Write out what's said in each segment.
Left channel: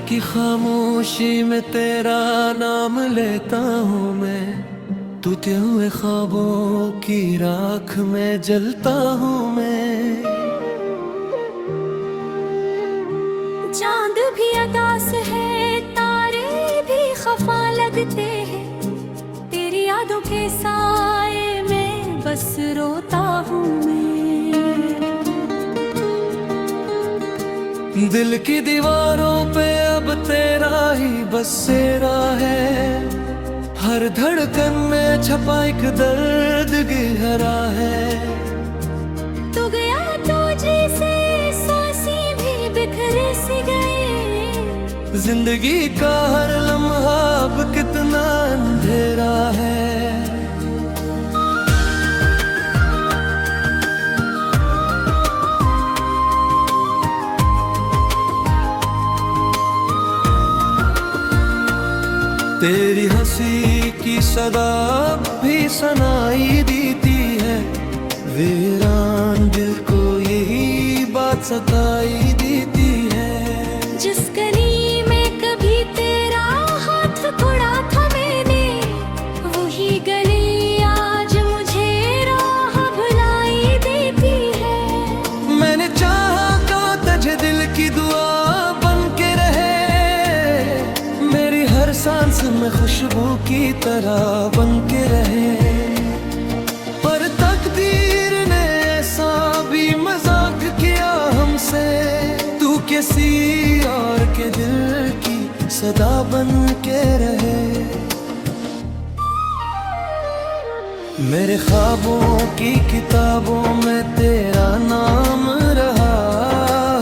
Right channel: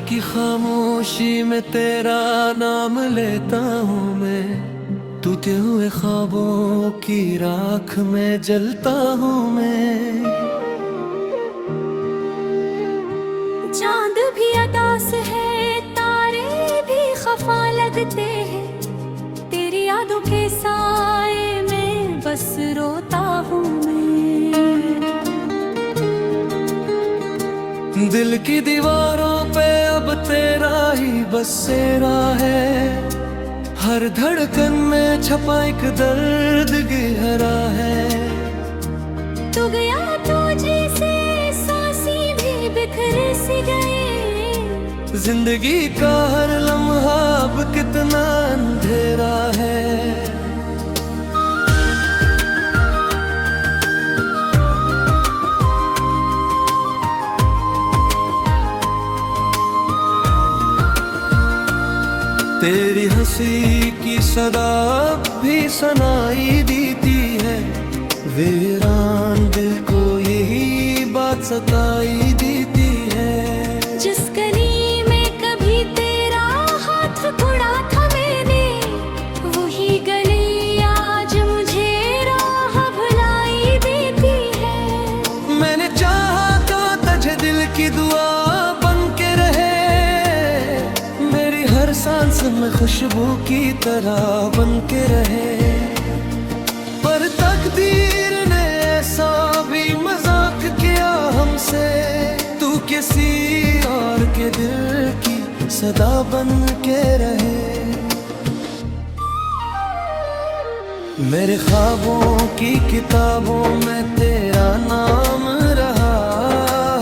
की खामोशी में तेरा नाम लेता हूँ मैं, टूटे हुए ख्वाबों की राख में जलता हूँ मैं। चांद भी अदास है, तारे भी खफा लगते हैं, तेरी यादों के साए में बस रोता हूँ मैं। दिल की दीवारों पे अब तेरा ही बसेरा है, हर धड़कन में छपा एक दर्द गहरा है। तू गया तो जैसे सांसें भी बिखर सी गए, जिंदगी का हर लम्हा अब कितना अंधेरा है। तेरी हंसी की सदा भी सुनाई देती है, वीरान दिल को यही बात सताई देती है। जिस गली में कभी तेरा हाथ पकड़ा था मैंने, वही गली आज मुझे राह भुलाई देती है। मैंने चाहा का तुझे दिल की दुआ बन के रहे, मेरी हर सांस में खुशबू की तरह बन के रहे। पर तकदीर ने ऐसा भी मजाक किया हमसे, तू किसी और के दिल की सदा बन के रहे। मेरे ख्वाबों की किताबों में तेरा नाम रहा,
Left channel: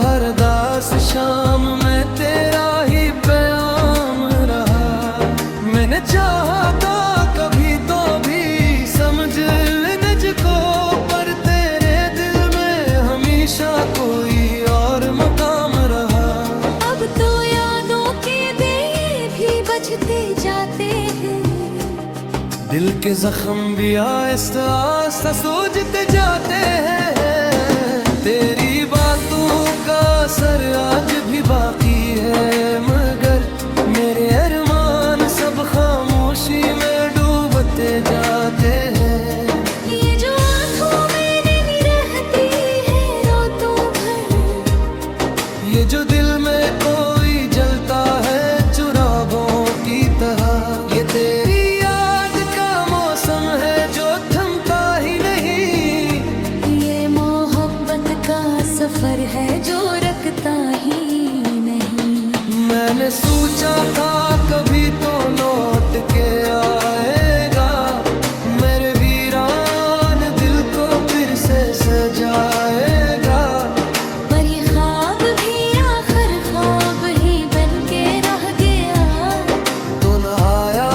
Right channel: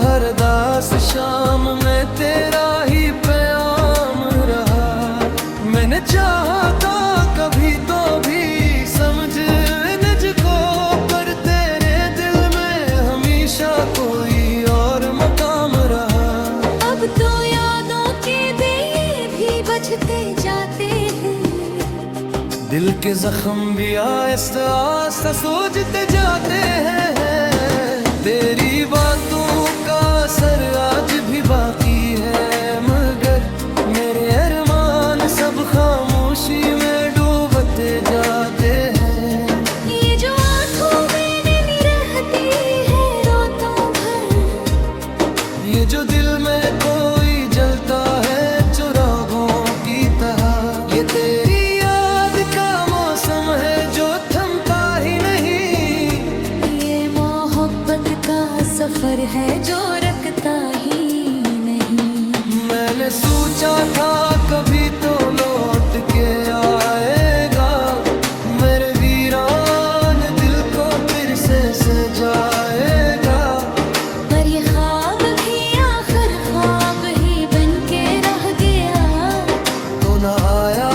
हर दास शाम में तेरा ही प्याम रहा। मैंने चाहा था कभी तो भी समझ को, पर तेरे दिल में हमेशा कोई और मकाम रहा। अब तो यादों के दिए भी बजते जाते हैं, दिल के जख्म भी आहिस्ता आहिस्ता सूझते जाते हैं। तेरी बातों का असर आज भी बाकी है, मगर मेरे अरमान सब खामोशी में डूबते जाते हैं। ये जो आंखों में नमी रहती है रातों भर, ये जो दिल में कोई जलता है चिरागों की तरह, ये तेरी याद का मौसम है जो थमता ही नहीं। ये मोहब्बत का सफर है जो रखता ही नहीं। मैंने सोचा था कभी तो लौट के आएगा, मेरे वीरान दिल को फिर से सजाएगा। पर ये ख्वाब भी आखिर ख्वाब ही बन के रह गया, तो न आया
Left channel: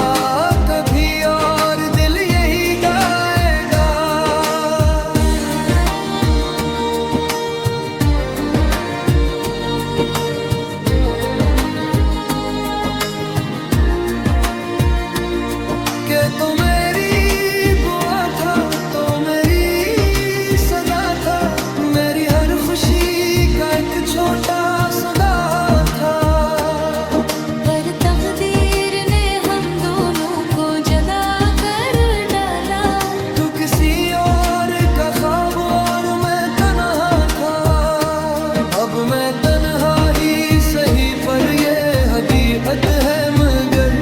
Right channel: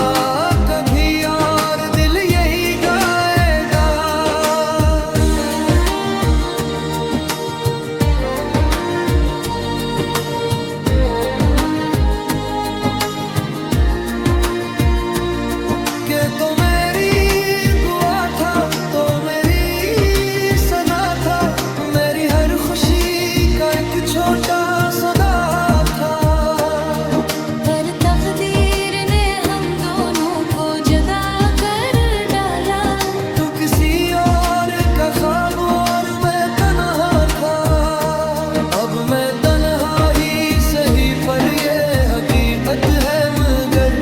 कभी और दिल यही गाएगा। के तो मेरी दुआ था, तो मेरी सदा था, मेरी हर खुशी का एक छोटा सदा था। पर तकदीर ने हम दोनों को जुदा कर डाला। तू किसी और का ख्वाब और मैं तन्हा था, अब मैं तन्हा ही सही पर ये हकीकत है। मगर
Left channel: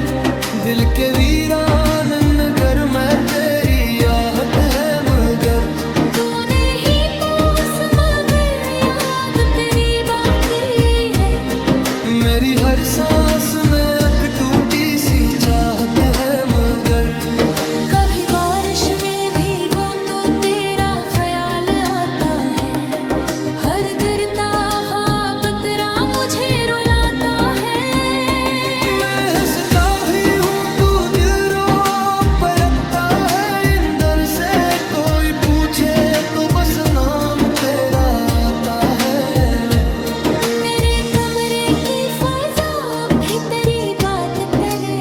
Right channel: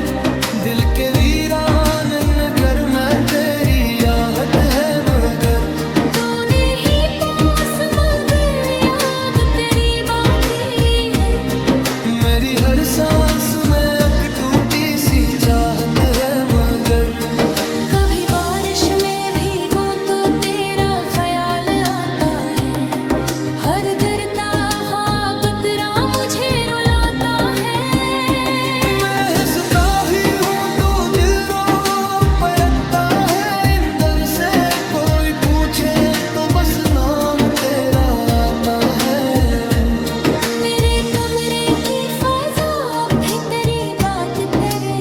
दिल के वीरान नगर में तेरी आहट है, मगर तूने ही पास मगर याद तेरी बाकी है। मेरी हर सांस में एक टूटी सी चाहत है, मगर कभी बारिश में भीगूं तो तेरा ख्याल आता है, हर गिरता ख्वाब तेरा मुझे रुलाता है। मैं हंसता भी हूँ तू दिल रो पलटता है, इंदर से कोई पूछे तो बस नाम तेरा आता है। मेरे कमरे की फजा भी तेरी बात करे,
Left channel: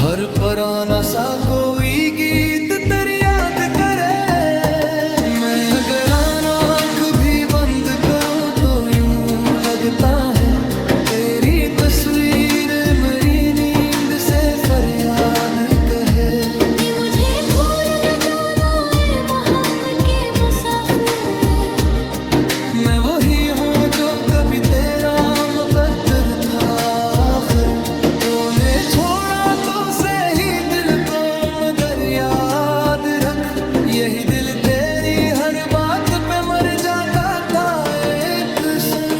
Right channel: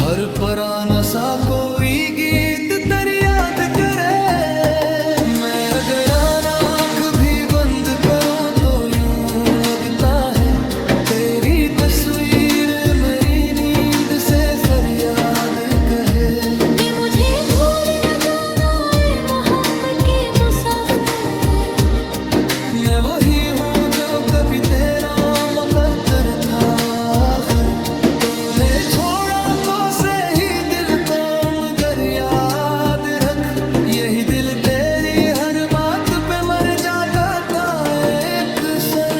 हर पुराना सा कोई गीत तेरी याद करे। मैं अगर आँख भी बंद करूं तो यूं लगता है तेरी यही दिल तेरी हर बात पे मर जाता था एक सर।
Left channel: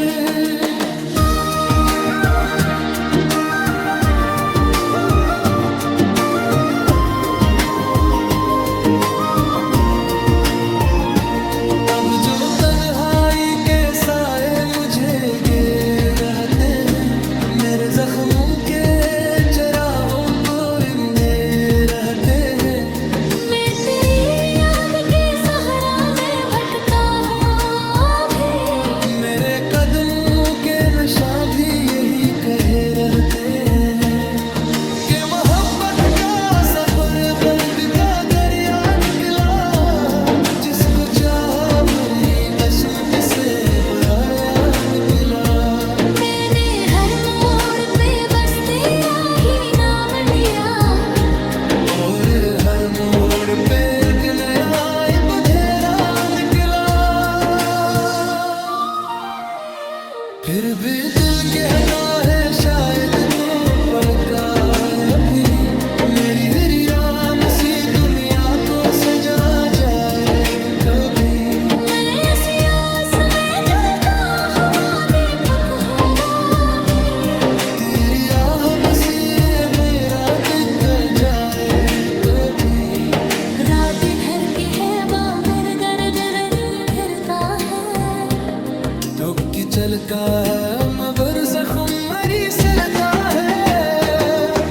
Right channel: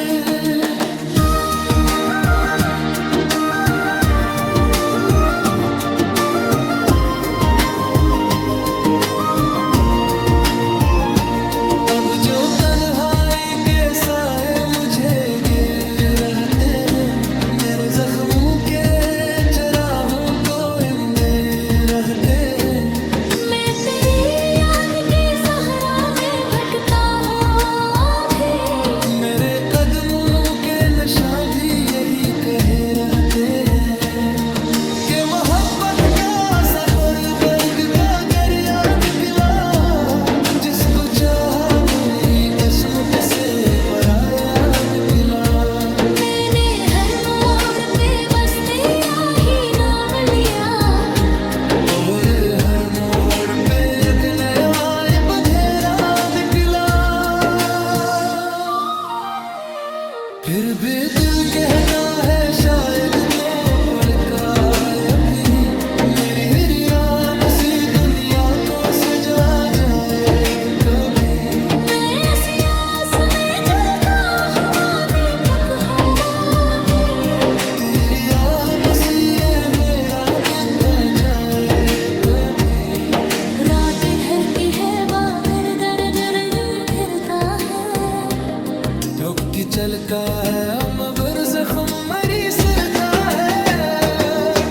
अब जो तन्हाई के साए मुझे घेर रहते हैं, मेरे जख्मों के चरागों को इंदे रहते हैं। मैं तेरी याद के सहरा में भटकता हूँ अभी, मेरे कदमों के नशा भी यही कहे रहते हैं कि मोहब्बत का सफर दर्द का दरिया निकला, जिसको चाहा वही अस्मत से पराया निकला। मैंने हर मोड़ पे बस तेरा ही नाम लिया, और हर मोड़ पे एक नया बधेरा निकला। फिर भी दिल कहता है शायद तो पलका अभी, मेरी वीरान सी दुनिया को सजा जाए कभी। मैं ऐसी आस में जलता हुआ दीपक हूँ अभी, तेरी आह बस ये मेरा बिक जाए कभी। रात भर की है बाबर दर्द फिरता है, ठोकी चलका है अमबर जख्म मरी सरता है।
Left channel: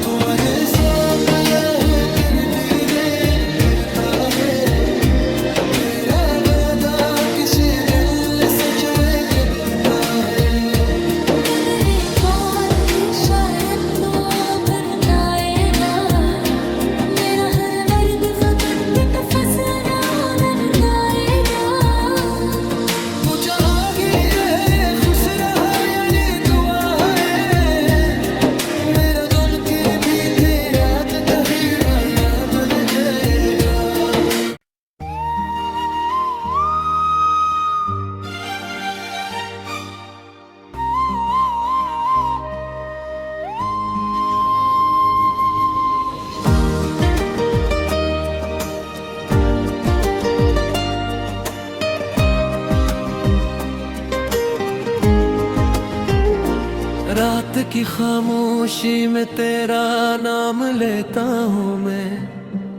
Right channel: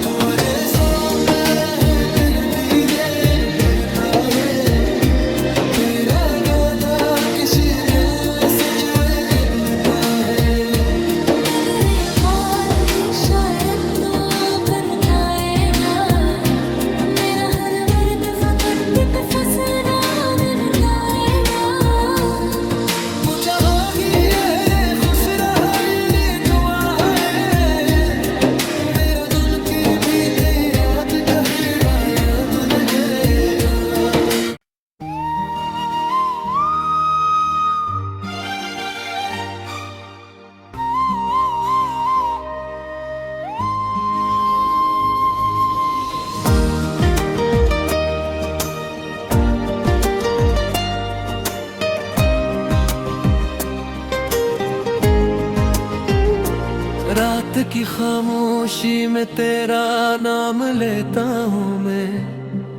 तू अरे सौंप हो कर दीगर फिरता है, तेरा वादा किसी दिल सच में कदरता है। मगर ये बात भी शायद तो फिरताएगा, मेरा हर मर्द फकत पिट फसना नरताएगा। पूछा ही है खुश रहा यानी दुआ है, मेरा दोनों के भी तेरा कहीं माया बन जाएगा। रात की खामोशी में तेरा नाम लेता हूँ मैं,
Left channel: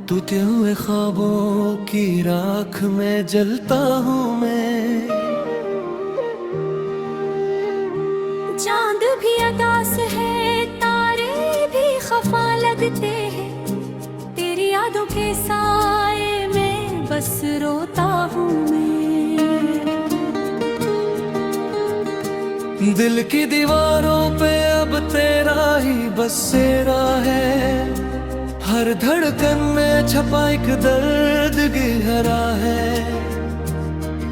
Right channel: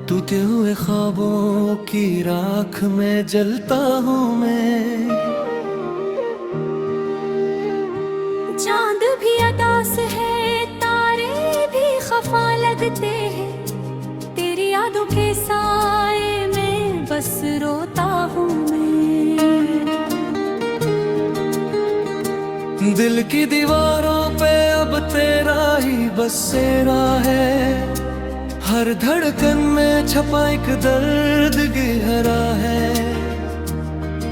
टूटे हुए ख्वाबों की राख में जलता हूँ मैं। चांद भी अदास है, तारे भी खफा लगते हैं, तेरी यादों के साए में बस रोता हूँ मैं। दिल की दीवारों पे अब तेरा ही बसेरा है, हर धड़कन में छपा एक दर्द गहरा है।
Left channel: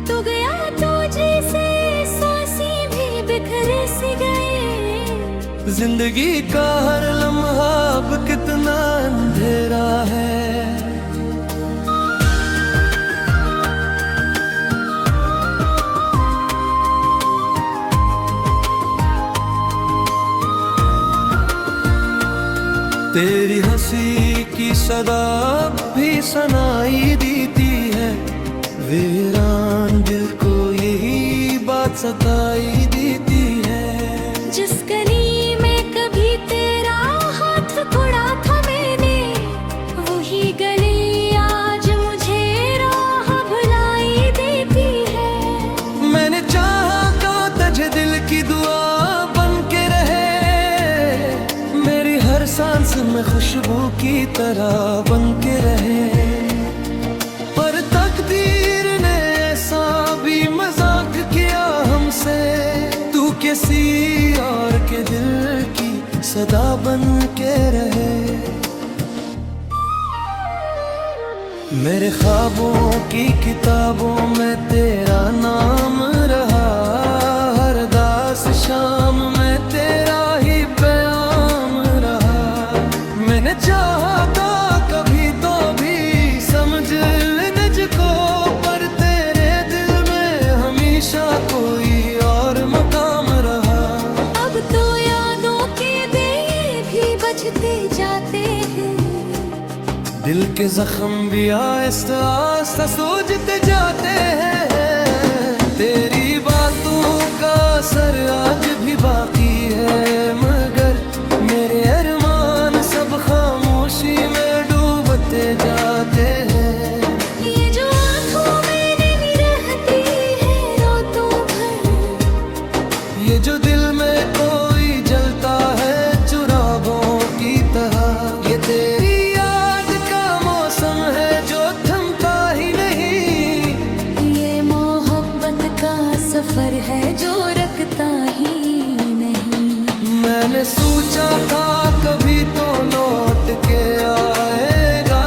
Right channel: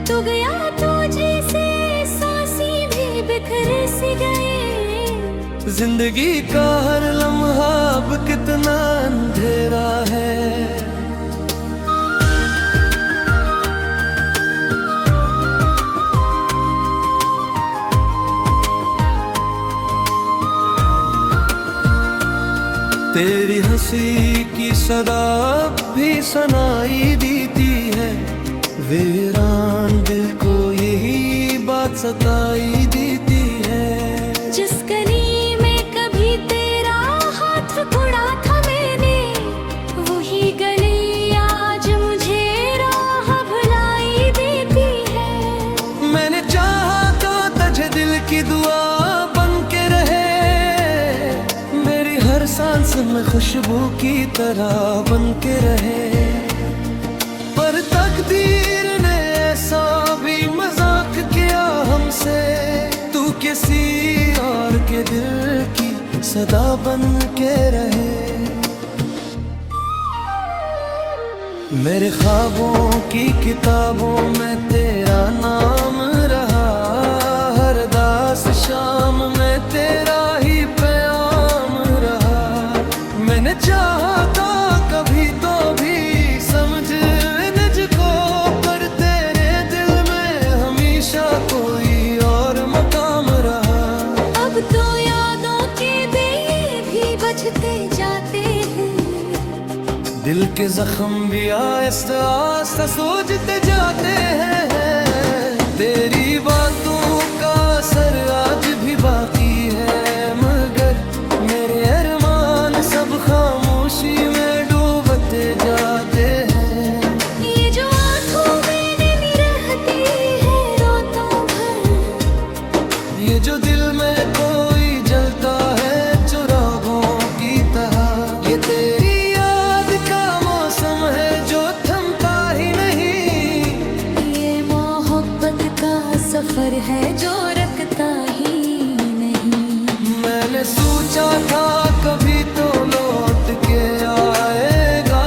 तू गया तो जैसे सांसें भी बिखर सी गए, जिंदगी का हर लम्हा अब कितना अंधेरा है। तेरी हंसी की सदा भी सुनाई देती है, वीरान दिल को यही बात सताई देती है। जिस गली में कभी तेरा हाथ पकड़ा था मैंने, वही गली आज मुझे राह भुलाई देती है। मैंने चाहा तो तुझे दिल की दुआ बन के रहे, मेरी हर सांस में खुशबू की तरह बन के रहे। पर तकदीर ने ऐसा भी मजाक किया हमसे, तू किसी और के दिल की सदा बन के रहे। मेरे ख्वाबों की किताबों में तेरा नाम रहा, हर दास शाम में तेरा ही प्याम रहा। मैंने चाहा था कभी तो भी समझ मुझको, पर तेरे दिल में हमेशा कोई और मकाम रहा। अब तो यादों के दिए भी बजते जाते हैं, दिल दिल के जख्म भी आहिस्ता आहिस्ता सूझते जाते हैं। तेरी बातों का असर आज भी बाकी है, मगर मेरे अरमान सब खामोशी में डूबते जाते हैं। ये जो आँखों में नमी रहती है रातों भर, ये जो दिल में कोई जलता है चिरागों की तरह, ये तेरी याद का मौसम है जो थमता ही नहीं। ये मोहब्बत का सफर है जो रखता ही नहीं। मैंने सोचा था कभी तो लौट के आएगा,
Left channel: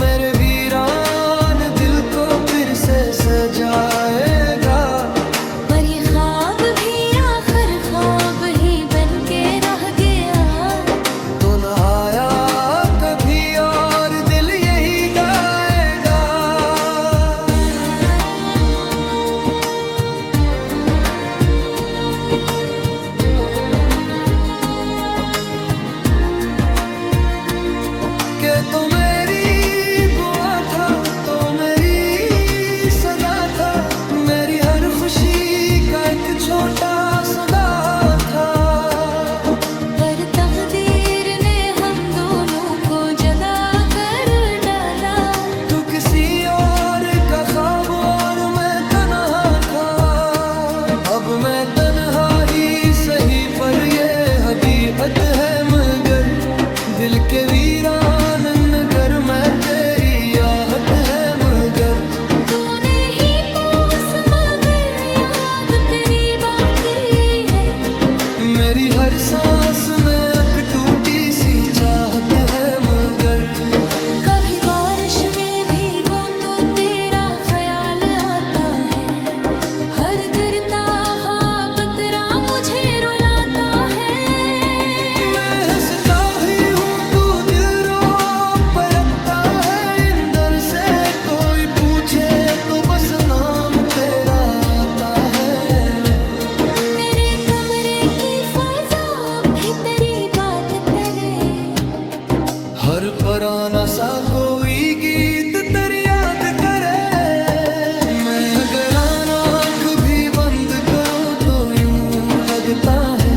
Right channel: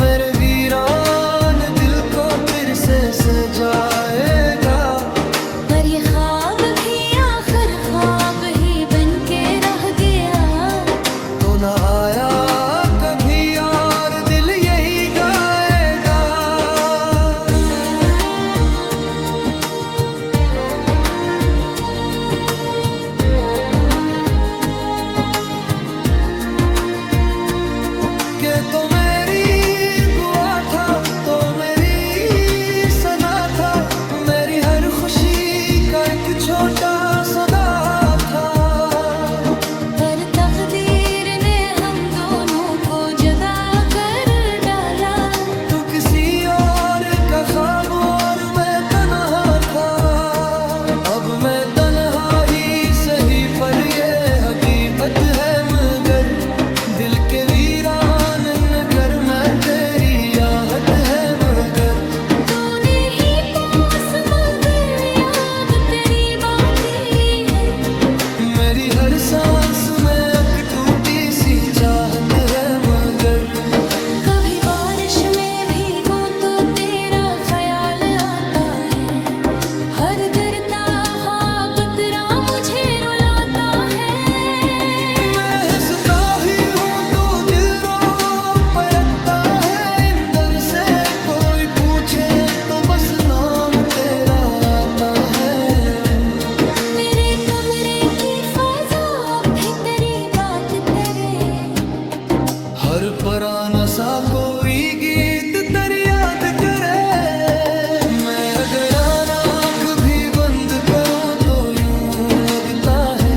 मेरे वीरान दिल को फिर से सजाएगा। पर ये ख्वाब भी आखिर ख्वाब ही बन के रह गया। तो न आया कभी और दिल यही गाएगा। के तो मेरी दुआ था, तो मेरी सदा था, मेरी हर खुशी का एक छोटा सदा था। पर तकदीर ने हम दोनों को जुदा कर डाला। तू किसी और का ख्वाब और मैं तन्हा था। अब मैं तन्हा ही सही पर ये हकीकत है, मगर दिल के वीरान नगर में तेरी आहट है। मगर तूने ही पास मगर याद तेरी बाकी है। मेरी हर सांस में एक टूटी सी चाहत है। मगर कभी बारिश में भीगूं तो तेरा ख्याल आता है। हर गिरता ख्वाब तेरा मुझे रुलाता है। मैं हंसता भी हूँ तू दिल रो पलटता है। इंदर से कोई पूछे तो बस नाम तेरा आता है। मेरे कमरे की फजा भी तेरी बात करे। हर पुराना सा कोई गीत तेरी याद करे। मैं अगर आँख भी बंद करूं तो यूं लगता है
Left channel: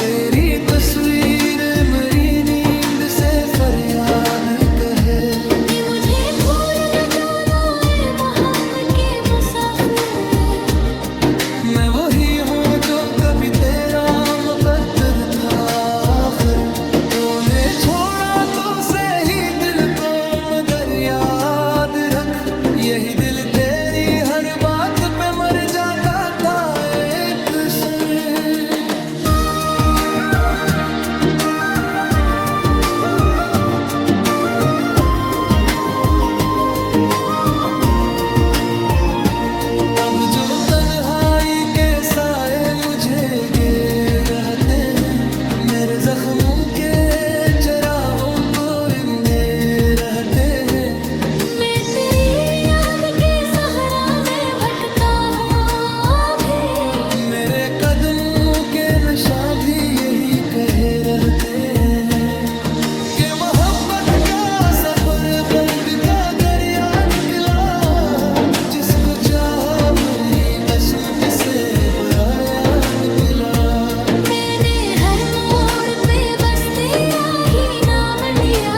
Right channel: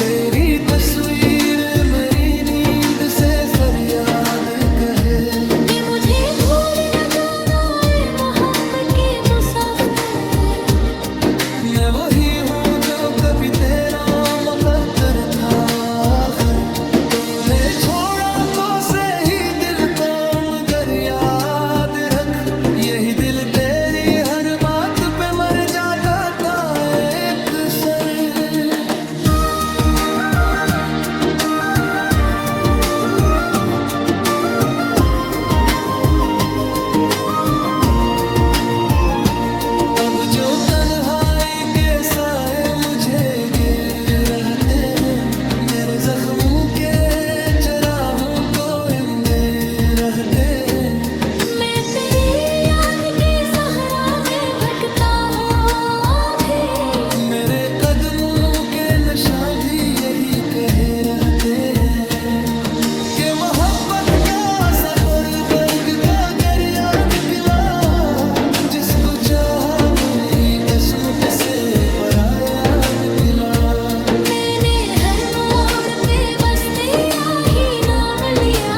तेरी तस्वीर मेरी नींद से फरियाद कहे। कि मुझे भूल न जाना है मोहब्बत के मुसाफिर। मैं वही हूँ जो कभी तेरा मुकद्दर था। आखिर तूने छोड़ा तो सही दिल को, मगर याद रख यही दिल तेरी हर बात पे मर जाता था एक सर। अब जो तन्हाई के साए मुझे घेर रहते हैं, मेरे जख्मों के चिरागों को इंदे रहते हैं। मैं तेरी याद के सहरा में भटकता हूँ अभी। मेरे कदमों के नशा भी यही कहे रहते हैं कि मोहब्बत का सफर दर्द का दरिया निकला। जिसको चाहा वही अस्मत से पराया निकला। मैंने हर मोड़ पे बस तेरा ही नाम लिया।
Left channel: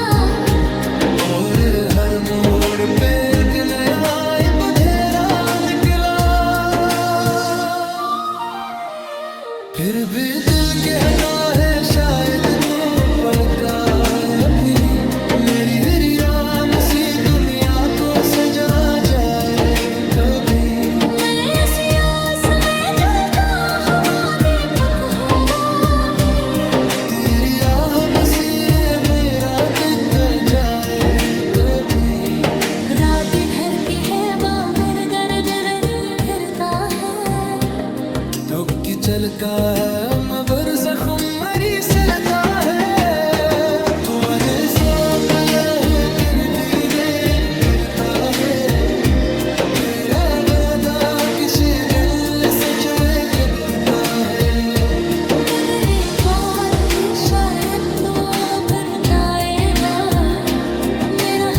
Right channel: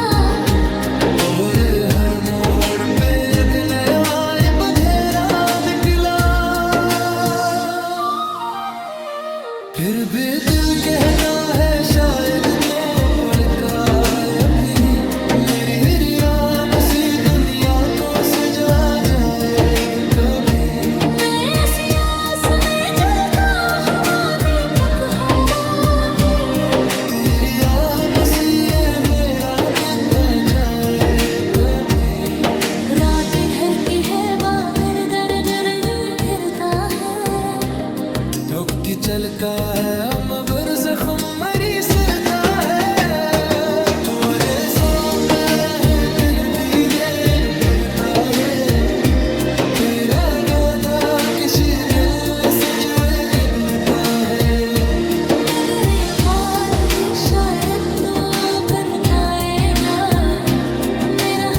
और हर मोड़ पे एक नया बधेरा निकला। फिर भी दिल कहता है शायद तो पलका अभी, मेरी वीरान सी दुनिया को सजा जाए कभी। मैं ऐसी आस में जलता हुआ दीपक हूँ अभी। तेरी आह बस ये मेरा बिक जाए कभी। रात ढलती है बाहर गर्द रंग फिरता है। ठोकी चलका है अम्बर जख्म मरी सरता है। तू अरे सौंप लहो फिर दीगर फिरता है। तेरा वादा किसी दिल सच में कदरता है। मगर ये बात भी शायद तो फिर आएगा। मेरा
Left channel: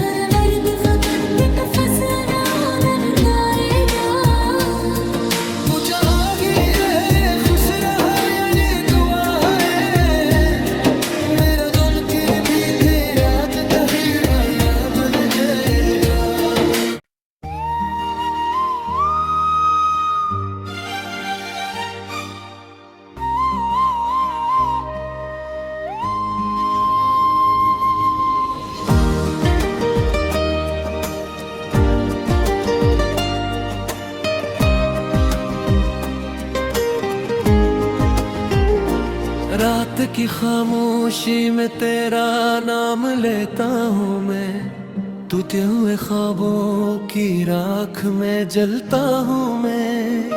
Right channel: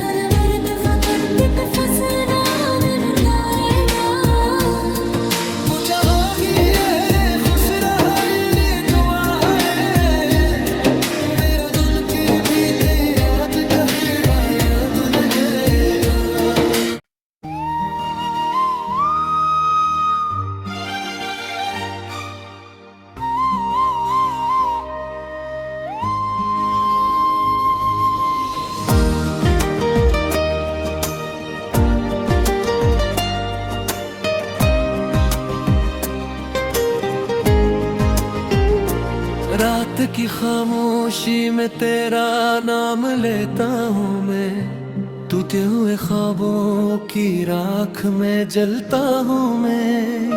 की खामोशी में तेरा नाम लेता हूँ मैं, टूटे हुए ख्वाबों की राख में जलता हूँ मैं।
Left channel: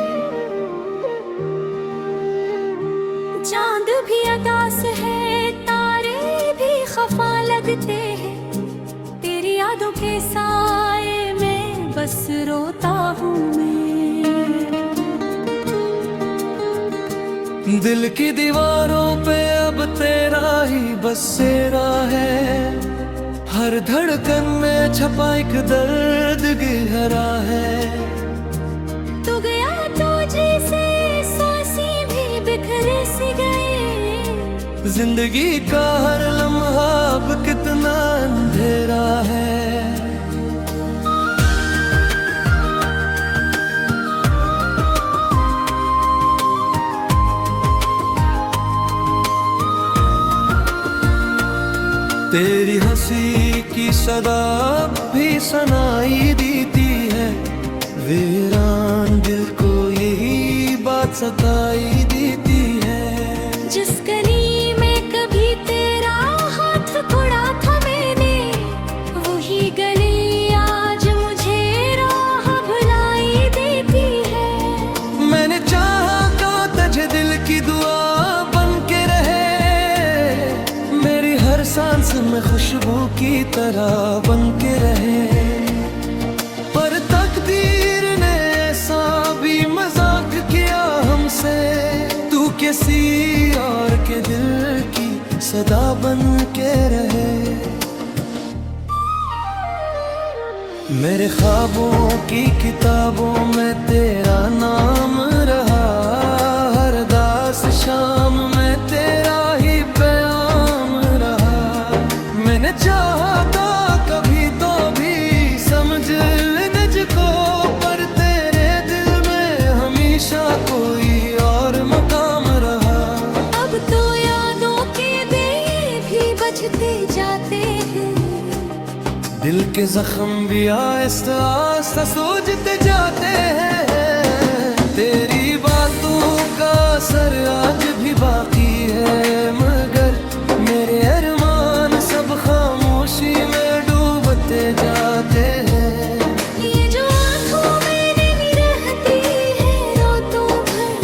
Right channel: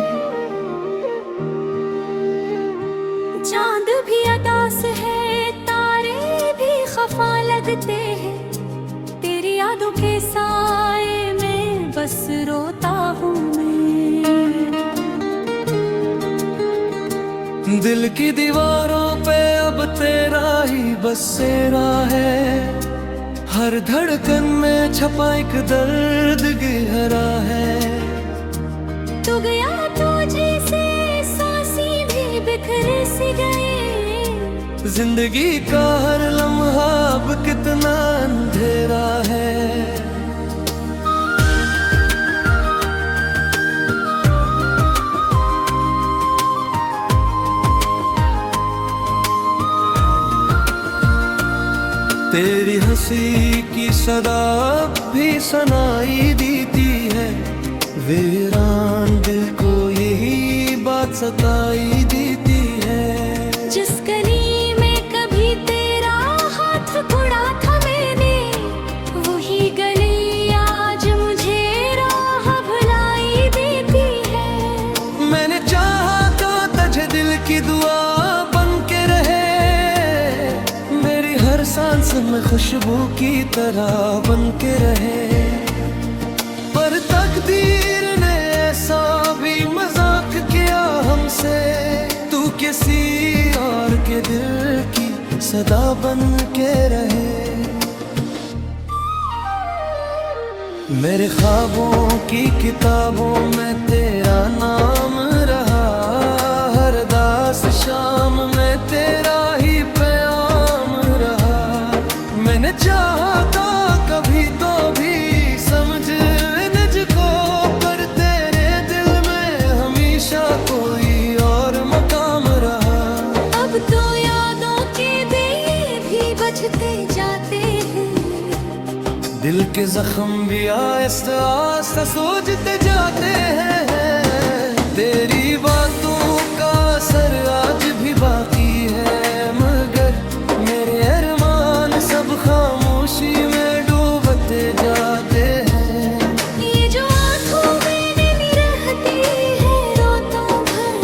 चांद भी अदास है, तारे भी खफा लगते हैं, तेरी यादों के साए में बस रोता हूँ मैं। दिल की दीवारों पे अब तेरा ही बसेरा है, हर धड़कन में छपा एक दर्द गहरा है। तू गया तो जैसे सांसें भी बिखरे सी गए, जिंदगी का हर लम्हा अब कितना अंधेरा है। तेरी हंसी की सदा भी सुनाई देती है, वीरान दिल को यही बात सताई देती है। जिस गली में कभी तेरा हाथ पकड़ा था मैंने, वही गली आज मुझे राह भुलाई देती है। मैंने चाहा का तुझे दिल की दुआ बन के रहे, मेरी हर सांस में खुशबू की तरह बन के रहे। पर तकदीर ने ऐसा भी मजाक किया हमसे, तू किसी और के दिल की सदा बन के रहे। मेरे ख्वाबों की किताबों में तेरा नाम रहा, हर दास शाम में तेरा ही प्याम रहा। मैंने चाहा था कभी तो भी समझ मुझको, पर तेरे दिल में हमेशा कोई और मकाम रहा। अब तो यादों के दिए भी बजते जाते हैं, दिल के जख्म भी आहिस्ता आहिस्ता सूझते जाते हैं। तेरी बातों का असर आज भी बाकी है, मगर मेरे अरमान सब खामोशी में डूबते जाते हैं। ये जो आंखों में नहीं रहती है रातों भर,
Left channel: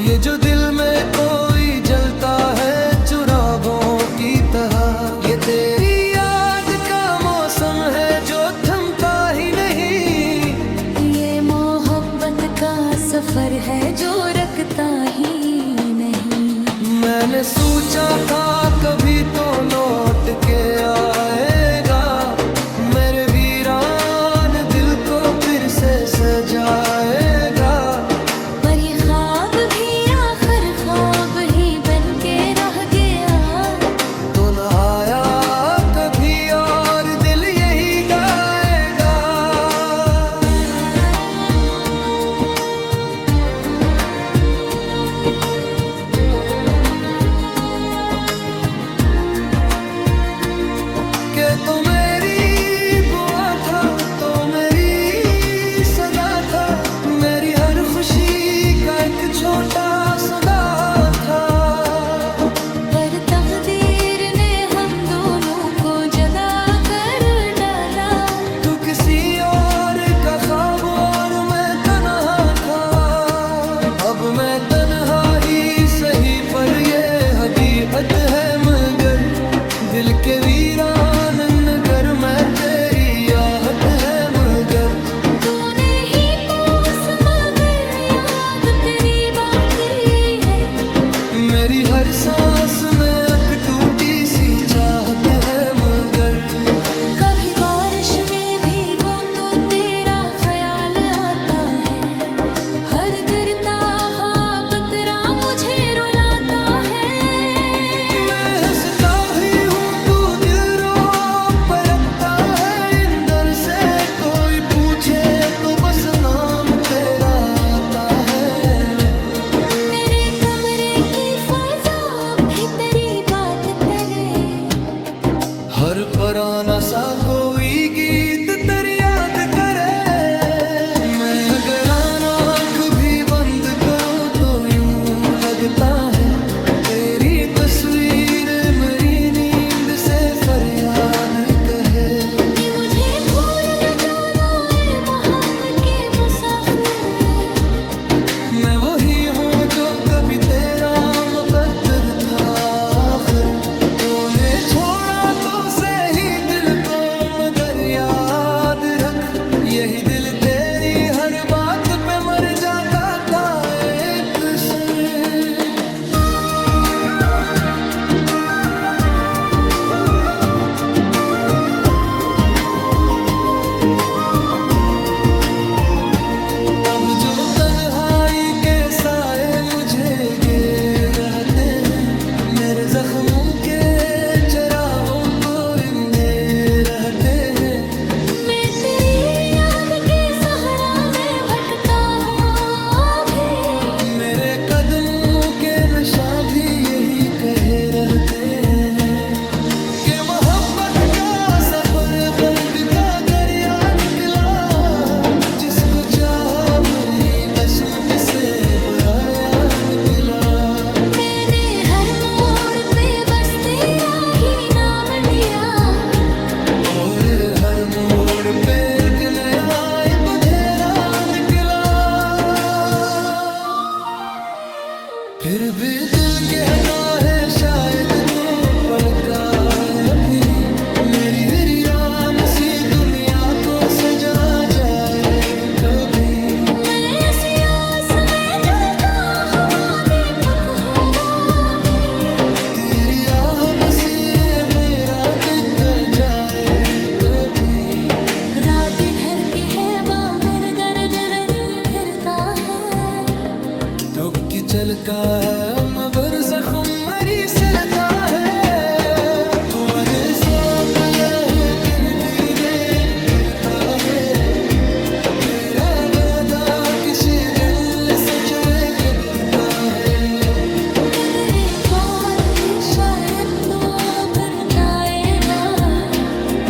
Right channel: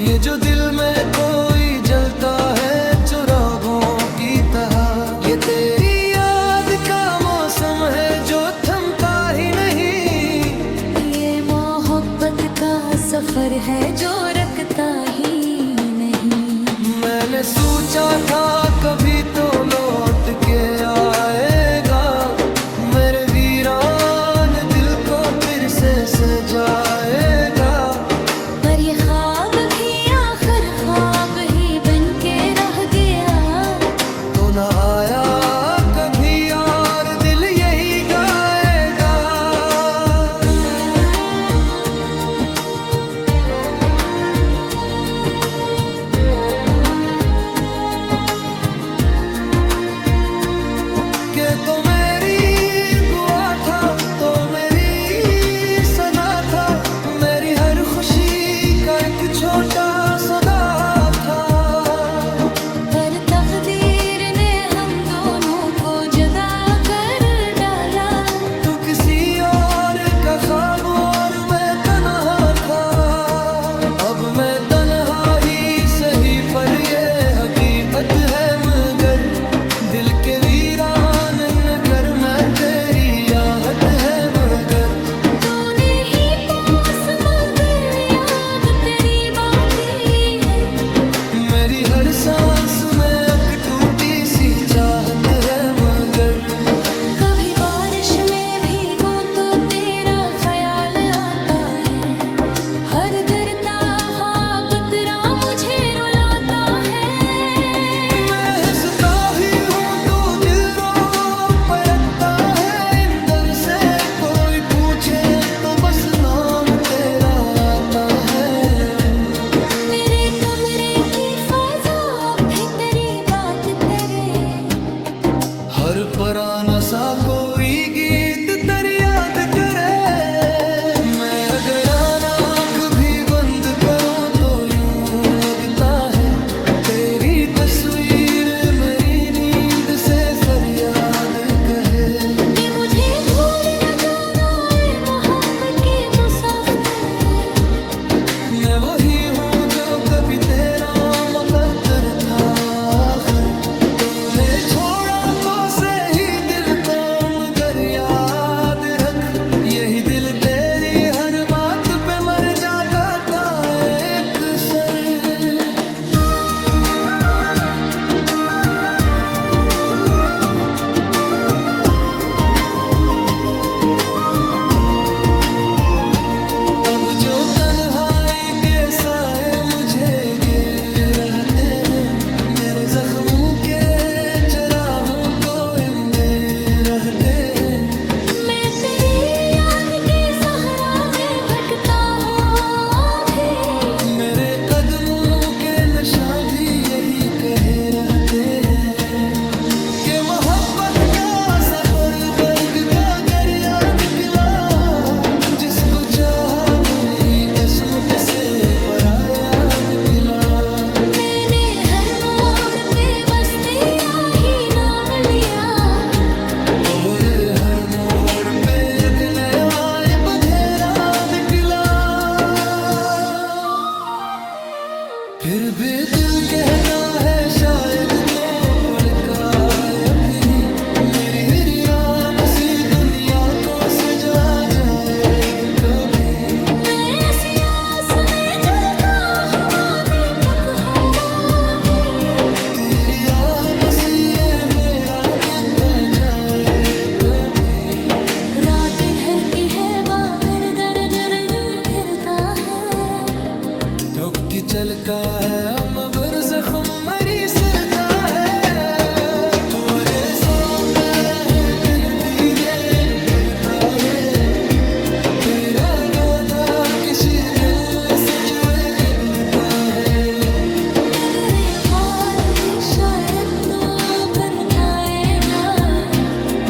ये जो दिल में कोई जलता है चिरागों की तरह, ये तेरी याद का मौसम है जो थमता ही नहीं। ये मोहब्बत का सफर है जो रखता ही नहीं। मैंने सोचा था कभी तो लौट के आएगा, मेरे वीरान दिल को फिर से सजाएगा। पर ये ख्वाब भी आखिर ख्वाब ही बन के रह गया, तो न आया कभी और दिल यही गाएगा। के तो मेरी दुआ था, तो मेरी सदा था, मेरी हर खुशी का एक छोटा सौदा था। पर तकदीर ने हम दोनों को जुदा कर डाला। तू किसी और का ख्वाब और मैं तन्हा था, अब मैं तन्हा ही सही पर ये हकीकत है। मगर दिल के वीरान नगर में तेरी आहट है, मगर तूने ही पास मगर याद तेरी बाकी है। मेरी हर सांस में एक टूटी सी चाहत है, मगर कभी बारिश में भीगूं तो तेरा ख्याल आता है, हर गिरता ख्वाब तेरा मुझे रुलाता है। मैं हंसता भी हूँ तू दिल रो पलटता है, इंदर से कोई पूछे तो बस नाम तेरा आता है। मेरे कमरे की फजा भी तेरी बात करे, हर पुराना सा कोई गीत तेरी याद करे। मैं अगर आँख भी बंद करूं तो यूं लगता है तेरी यही दिल तेरी हर बात पे मर जाता था एक सर। अब जो तन्हाई के साए मुझे घेर रहते हैं, मेरे जख्मों के चिरागों को इंदे रहते हैं। मैं तेरी याद के सहरा में भटकता हूँ अभी, मेरे कदमों के नशा भी यही कहे रहते हैं कि मोहब्बत का सफर दर्द का दरिया निकला, जिसको चाहा वही अस्मत से पराया निकला। मैंने हर मोड़ पे बस तेरा ही नाम लिया, और हर मोड़ पे एक नया बधेरा निकला। फिर भी दिल कहता है शायद तो पलकाए अभी, मेरी वीरान सी दुनिया को सजा जाए कभी। मैं ऐसी आस में जलता हुआ दीपक हूँ अभी, तेरी आह बसी ये मेरा बिक जाए कभी। रात ढलती है बाहर दर्द फिरता है, ठोकी चलका है अमबर जख्म मरी सरता है। तू अरे सौंप हो कर दीगर फिरता है, तेरा वादा किसी दिल सच वे करता है। मगर ये बात भी शायद तो फिरताएगा,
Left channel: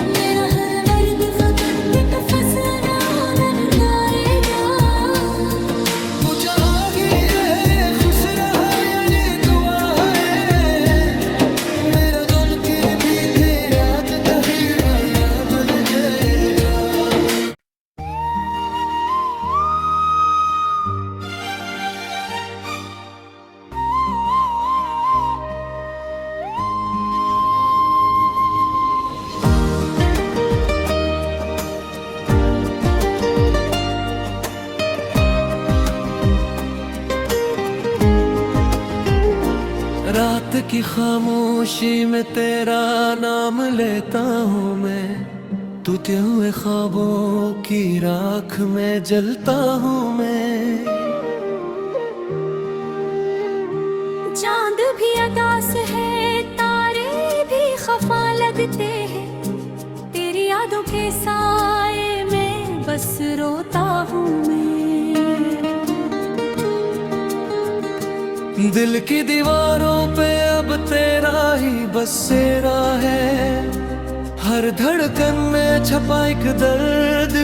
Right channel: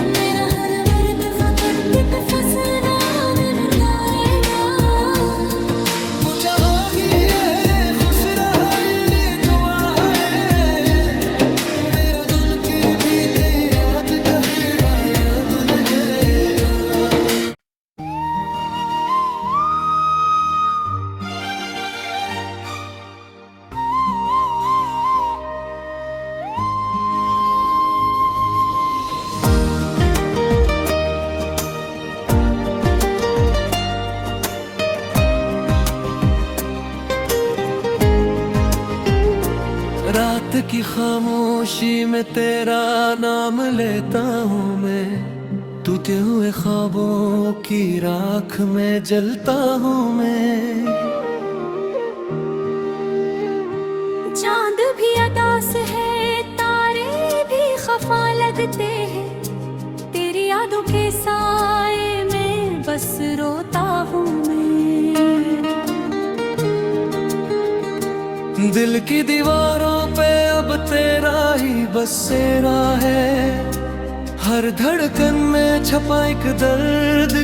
मेरा हर मर्द फकत पिट फसना ननकाएगा। पूछा ही अरे खुश रहा यानी दुआ है, मेरा गुन के भी तेरी रात कहीं माया बन जाएगा। रात की खामोशी में तेरा नाम लेता हूँ मैं, टूटे हुए ख्वाबों की राख में जलता हूँ मैं। चांद भी अदास है, तारे भी खफा लगते हैं, तेरी यादों के साए में बस रोता हूँ मैं। दिल की दीवारों पे अब तेरा ही बसेरा है, हर धड़कन में छपा एक दर्द।